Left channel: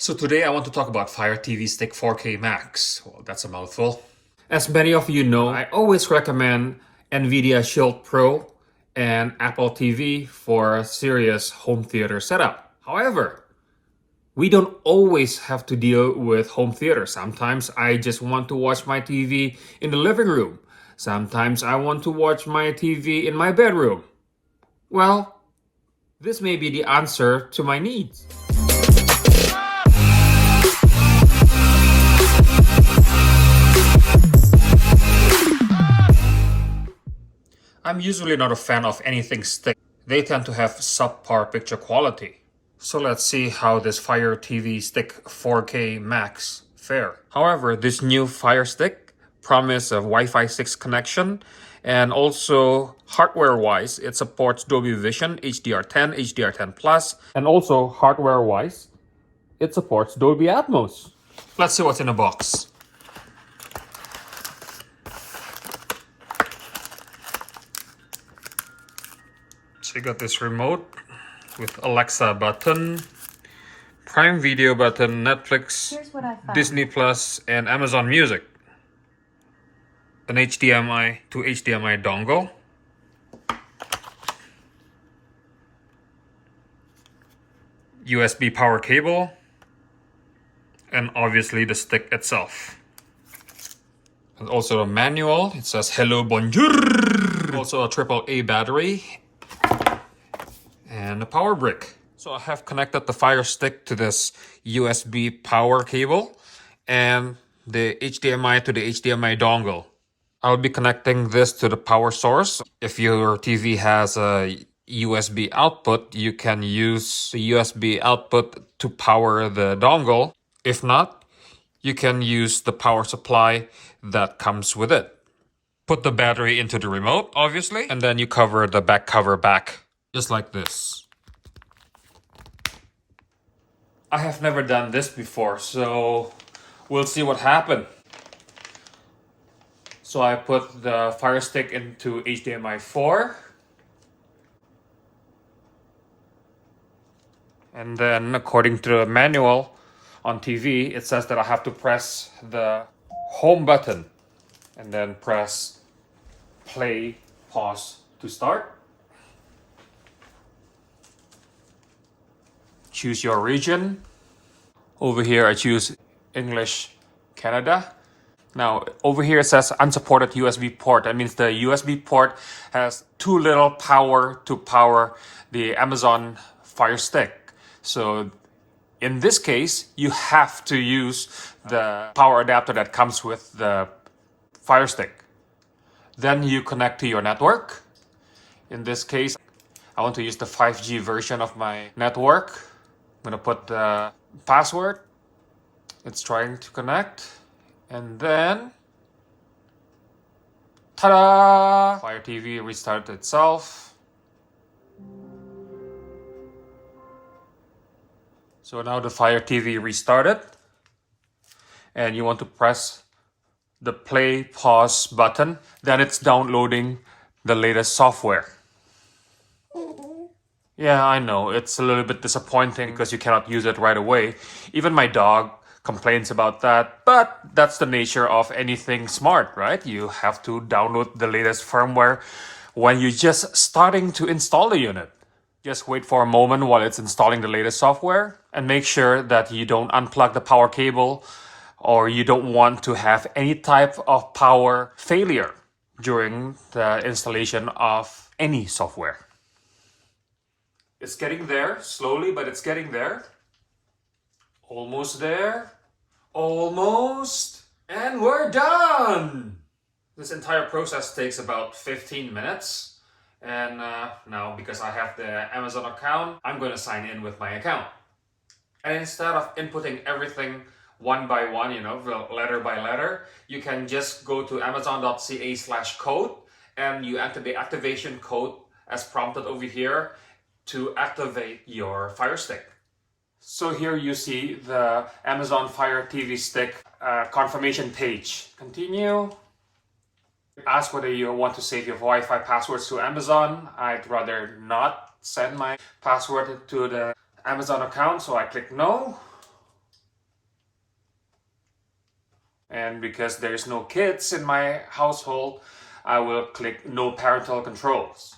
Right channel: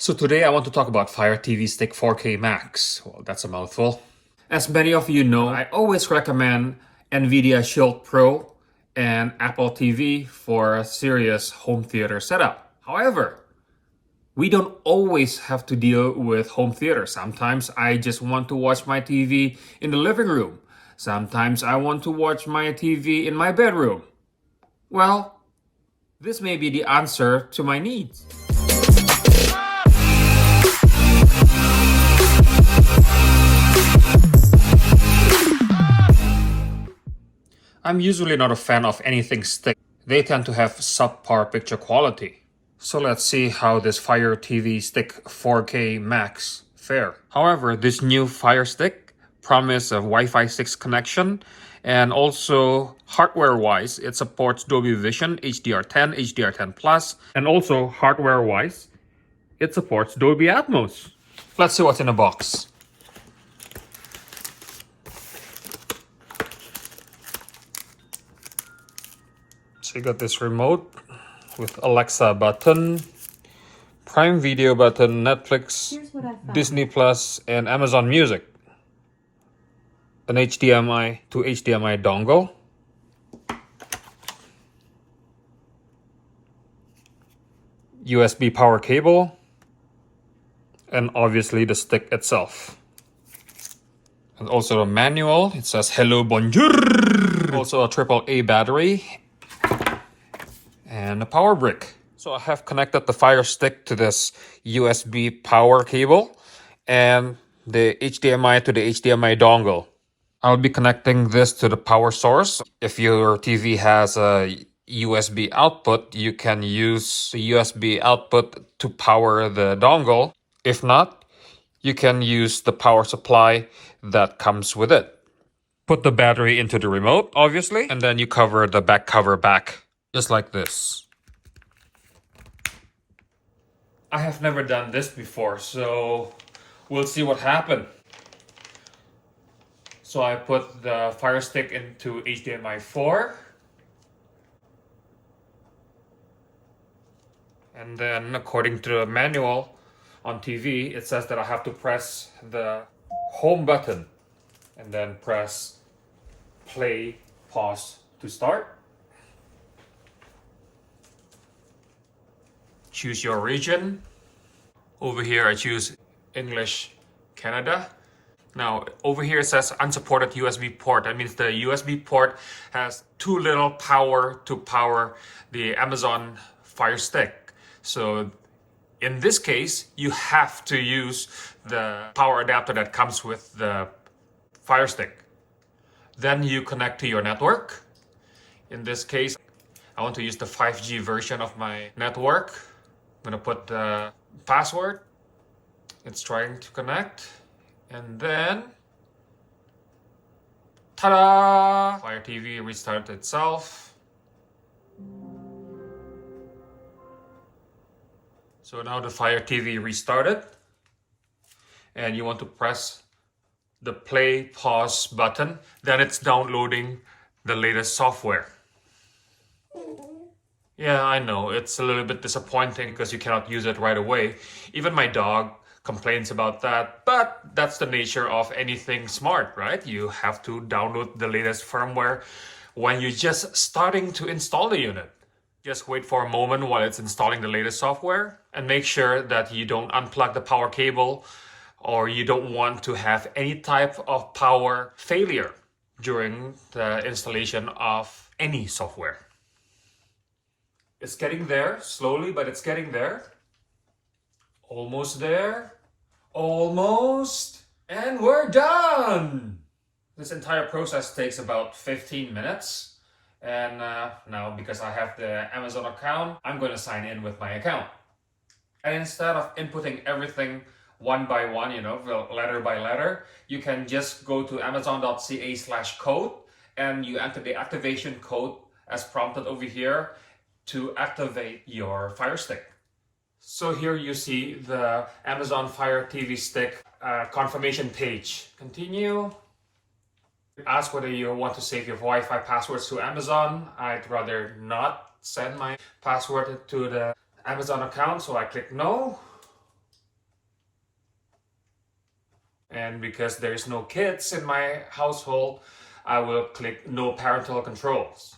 So today I want to talk about Fire TV Stick 4K Max. Well, that's a mouthful. As many of you know, I always recommend NVIDIA Shield Pro and Apple TV for a serious home theater setup. However, we don't always have to deal with home theater. Sometimes I just want to watch my TV in the living room. Sometimes I want to watch my TV in my bedroom. Well, this may be the answer to my needs. I'm usually not a fan of anything stick. They tend to have subpar picture quality. So let's see how this Fire TV Stick 4K Max fare. However, this new Fire Stick promises a Wi-Fi 6 connection, and also hardware-wise, it supports Dolby Vision, HDR10, HDR10 Plus, and also hardware-wise, it supports Dolby Atmos. Let's see what's in the box. So you got this remote with Alexa button, Prime Video button, Netflix, Disney Plus, and Amazon Music. An HDMI to HDMI dongle. USB power cable. And obviously the stick itself. And also a manual. It says hello, bonjour. Also a AAA battery. And a power brick. So I have connected the Fire Stick to this USB power cable and the HDMI to the HDMI dongle. I'll be connecting this to the power source. If your TV has a USB output, you can use the USB output to power the dongle. If not, you can use the power supply that comes with it. Put the battery into the remote, obviously, and then you cover the back cover back. Just like this. I have never done this before, so we'll see what happens. So I put the Fire Stick into HDMI 4. And then according to the manual on TV, it says that I have to press the home button and then press play, pause to start. Choose your region. Over here I choose English Canada. Now over here it says unsupported USB port. That means the USB port has too little power to power the Amazon Fire Stick. So in this case you have to use the power adapter that comes with the Fire Stick. Then you connect to your network. In this case I want to use the 5G version of my network. I'm gonna put the password. It's trying to connect. And then, ta-da! Fire TV restarted itself. So now the Fire TV restarted. And you want to press the play, pause button. Then it's downloading the latest software. Yeah, I know, it's a little bit disappointing because you cannot use it right away. Even my dog complains about that, but that's the nature of anything smart, right? You have to download the latest firmware when you're just starting to install the unit. Just wait for a moment while it's installing the latest software and make sure that you don't unplug the power cable or you don't want to have any type of power failure during the installation of any software. It's getting there, slowly, but it's getting there. Almost there. Almost. And we're done! This entire process takes about 15 minutes. And now, because I have the Amazon account, I'm going to sign in with my account. And instead of inputting everything one by one, letter by letter, you can just go to amazon.ca/code and you enter the activation code as prompted over here to activate your Fire Stick. So here you see the Amazon Fire TV Stick confirmation page. Continue. Ask whether you want to save your Wi-Fi passwords to Amazon. I'd rather not send my password to the Amazon account, so I click no. And because there's no kids in my household, I will click no parental controls.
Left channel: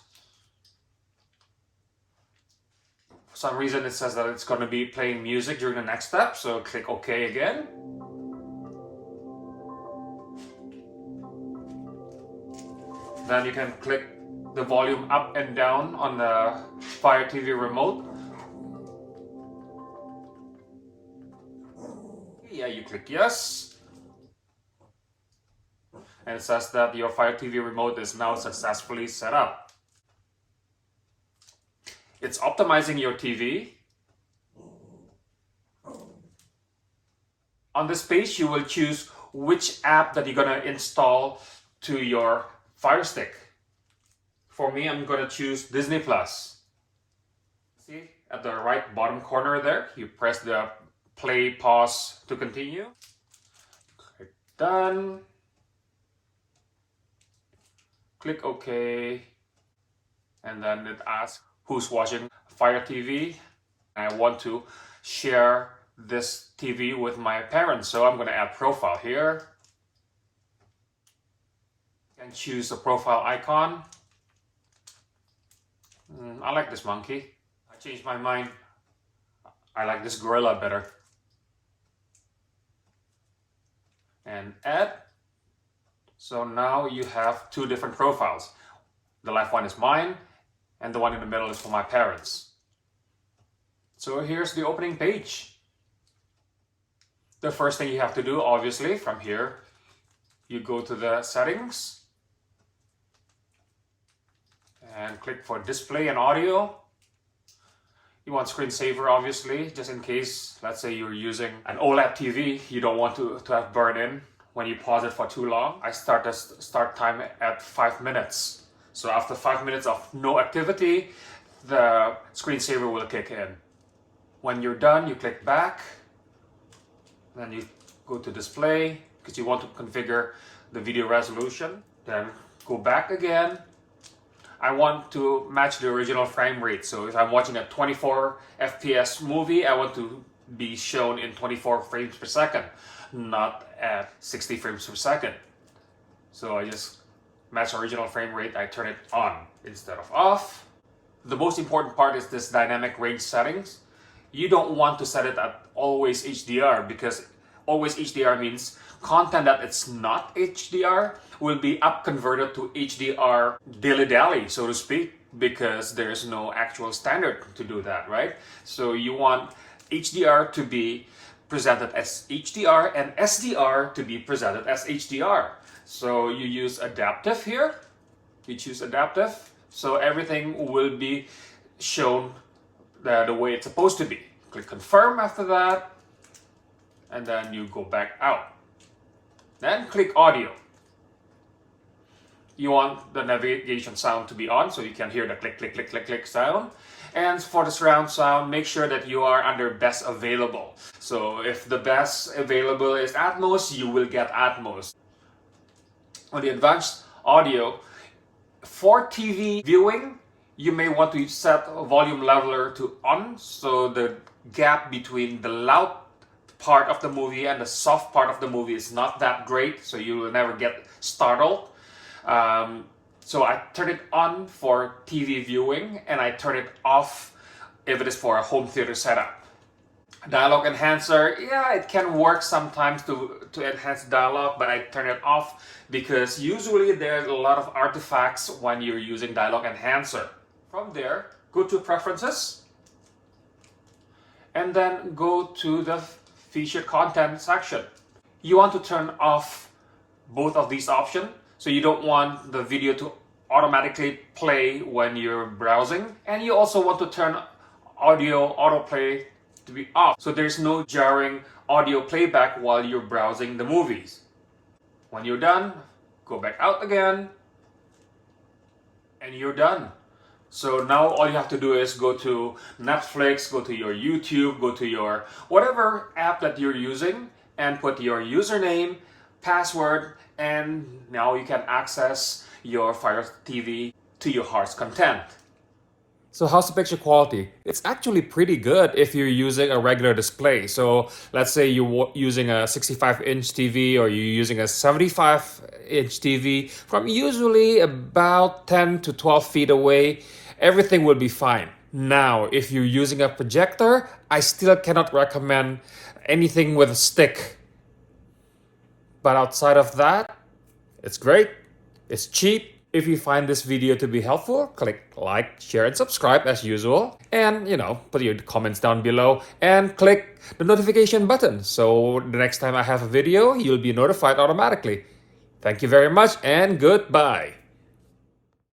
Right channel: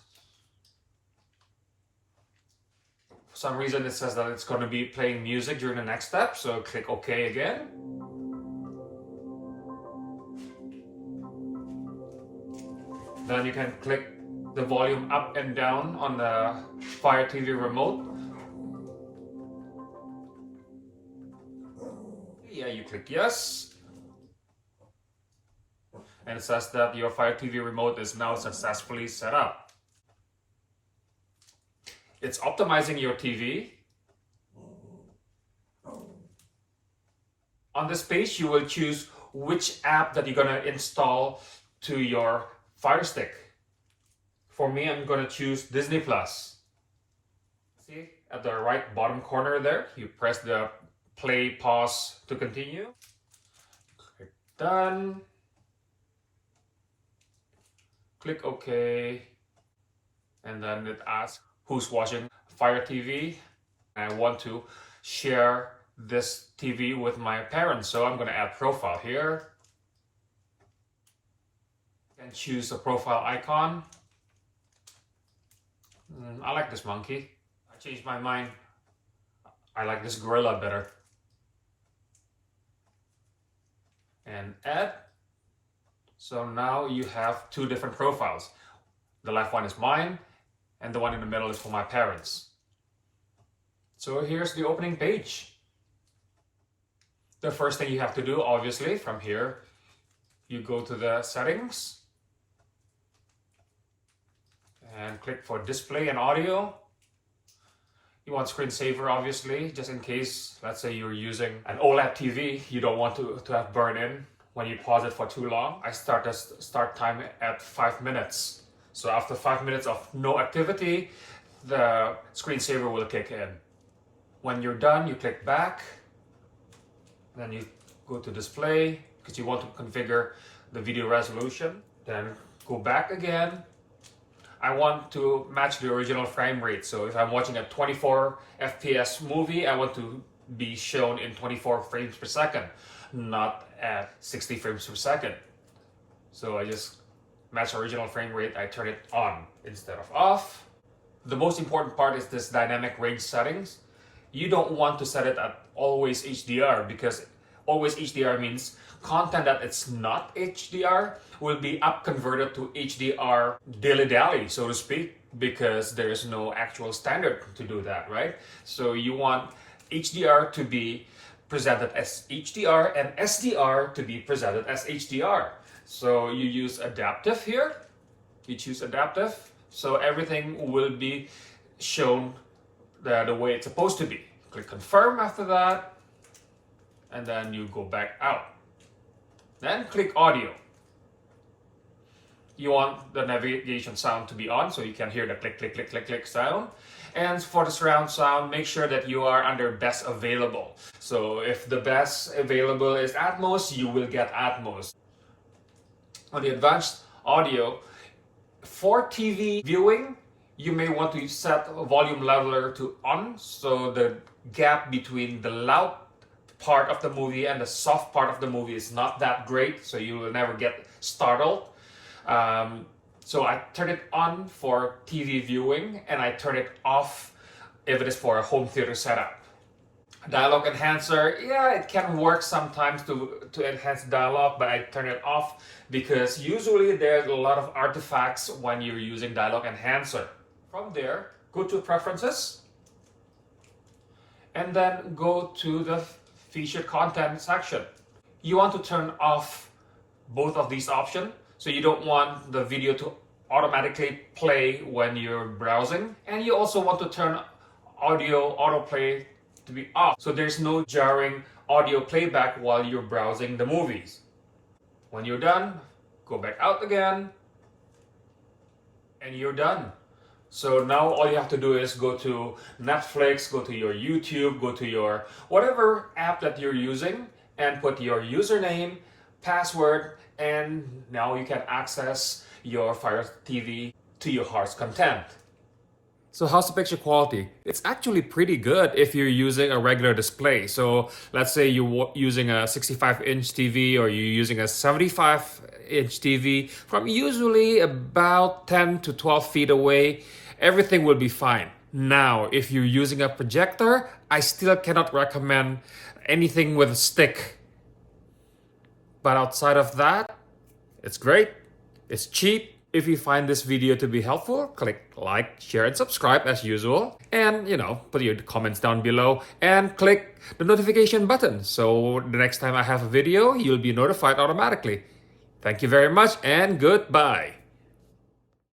For some reason it says that it's going to be playing music during the next step, so click OK again. Then you can click the volume up and down on the Fire TV remote. Yeah, you click yes. And it says that your Fire TV remote is now successfully set up. It's optimizing your TV. On this page, you will choose which app that you're going to install to your Fire Stick. For me, I'm going to choose Disney Plus. See, at the right bottom corner there, you press the play, pause to continue. Click done. Click OK. And then it asks who's watching Fire TV. I want to share this TV with my parents, so I'm going to add profile here. And choose a profile icon. I like this monkey. I changed my mind. I like this gorilla better. And add. So now you have two different profiles. The left one is mine, and the one in the middle is for my parents. So here's the opening page. The first thing you have to do, obviously, from here, you go to the settings and click for display and audio. You want screensaver, obviously, just in case, let's say you're using an OLED TV, you don't want to have burn in when you pause it for too long. I start the start time at 5 minutes. So after 5 minutes of no activity, the screensaver will kick in. When you're done, you click back. Then you go to display because you want to configure the video resolution. Then go back again. I want to match the original frame rate. So if I'm watching a 24 FPS movie, I want to be shown in 24 frames per second, not at 60 frames per second. So I just match original frame rate, I turn it on instead of off. The most important part is this dynamic range settings. You don't want to set it at always HDR because always HDR means content that it's not HDR will be up converted to HDR dilly-dally, so to speak, because there's no actual standard to do that, right? So you want HDR to be presented as HDR and SDR to be presented as HDR. So you use adaptive here. You choose adaptive. So everything will be shown the way it's supposed to be. Click confirm after that. And then you go back out. Then click audio. You want the navigation sound to be on so you can hear the click, click, click, click, click sound. And for the surround sound, make sure that you are under best available. So if the best available is Atmos, you will get Atmos. On the advanced audio, for TV viewing, you may want to set a volume leveler to on, so the gap between the loud part of the movie and the soft part of the movie is not that great, so you will never get startled. So I turn it on for TV viewing, and I turn it off if it is for a home theater setup. Dialogue enhancer, yeah, it can work sometimes to enhance dialogue, but I turn it off because usually there's a lot of artifacts when you're using dialogue enhancer. From there, go to preferences, and then go to the featured content section. You want to turn off both of these options, so you don't want the video to automatically play when you're browsing, and you also want to turn audio autoplay to be off, so there's no jarring audio playback while you're browsing the movies. When you're done, go back out again, and you're done. So now all you have to do is go to Netflix, go to your YouTube, go to your whatever app that you're using, and put your username, password, and now you can access your Fire TV to your heart's content. So how's the picture quality? It's actually pretty good if you're using a regular display. So let's say you're using a 65-inch TV or you're using a 75-inch TV from usually about 10 to 12 feet away, everything will be fine. Now, if you're using a projector, I still cannot recommend anything with a stick. But outside of that, it's great. It's cheap. If you find this video to be helpful, click like, share, and subscribe as usual. And, put your comments down below and click the notification button. So the next time I have a video, you'll be notified automatically. Thank you very much and goodbye.